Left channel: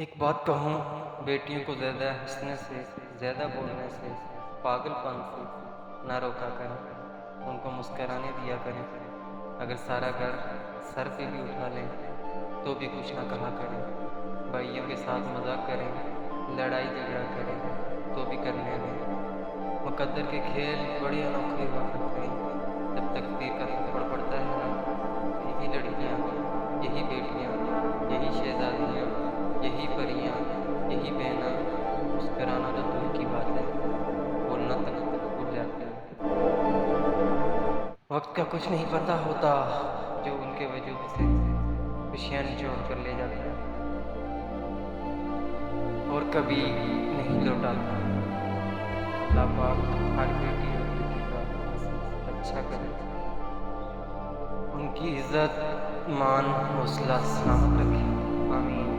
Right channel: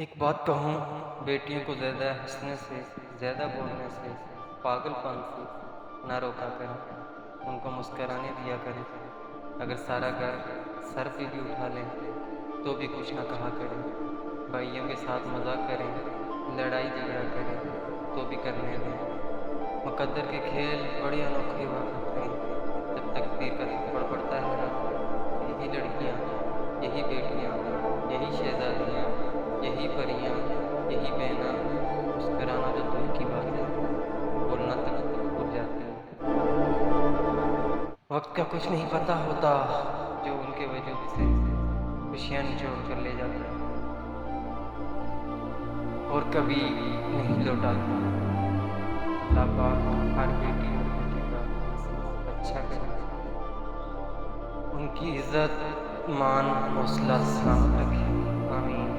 ایک بات کہوں، بیٹیوں کو زیادہ ہنسنے سے، زیادہ بولنے سے، پاگل پن سے نہ روکا کریں، ان کو مسکرانے دیا کریں۔ اگر سارا گھر سر پہ بھی اٹھا لیں تو بھی کچھ نہ کہا کریں۔ بھائیوں کے ساتھ مذاق کریں، لڑائی جھگڑا کریں تو بھی کرنے دیں۔ مقدر کے کھیل بڑے انوکھے ہوا کرتے ہیں۔ جب تقدیر کا تھپڑ پڑتا ہے نا، تو یہی لڑکیاں، یہی بیٹیاں، یہی شہزادیاں، یہی پریاں، یہی بہناں مسکرانا تو دور کی بات ہے، بولنا تک بھول جاتی ہیں۔ وقت کا کچھ نہیں پتہ ہوتا جو ان کے وجود سے خوشیاں نچوڑ کر لے جاتا ہے اور کبھی نہیں لوٹاتا۔ اللہ پاک ہر بیٹی اور بیٹی کا نصیب اچھا کرے، ان کی عزت مان حوصلہ سلامت رکھے، آمین۔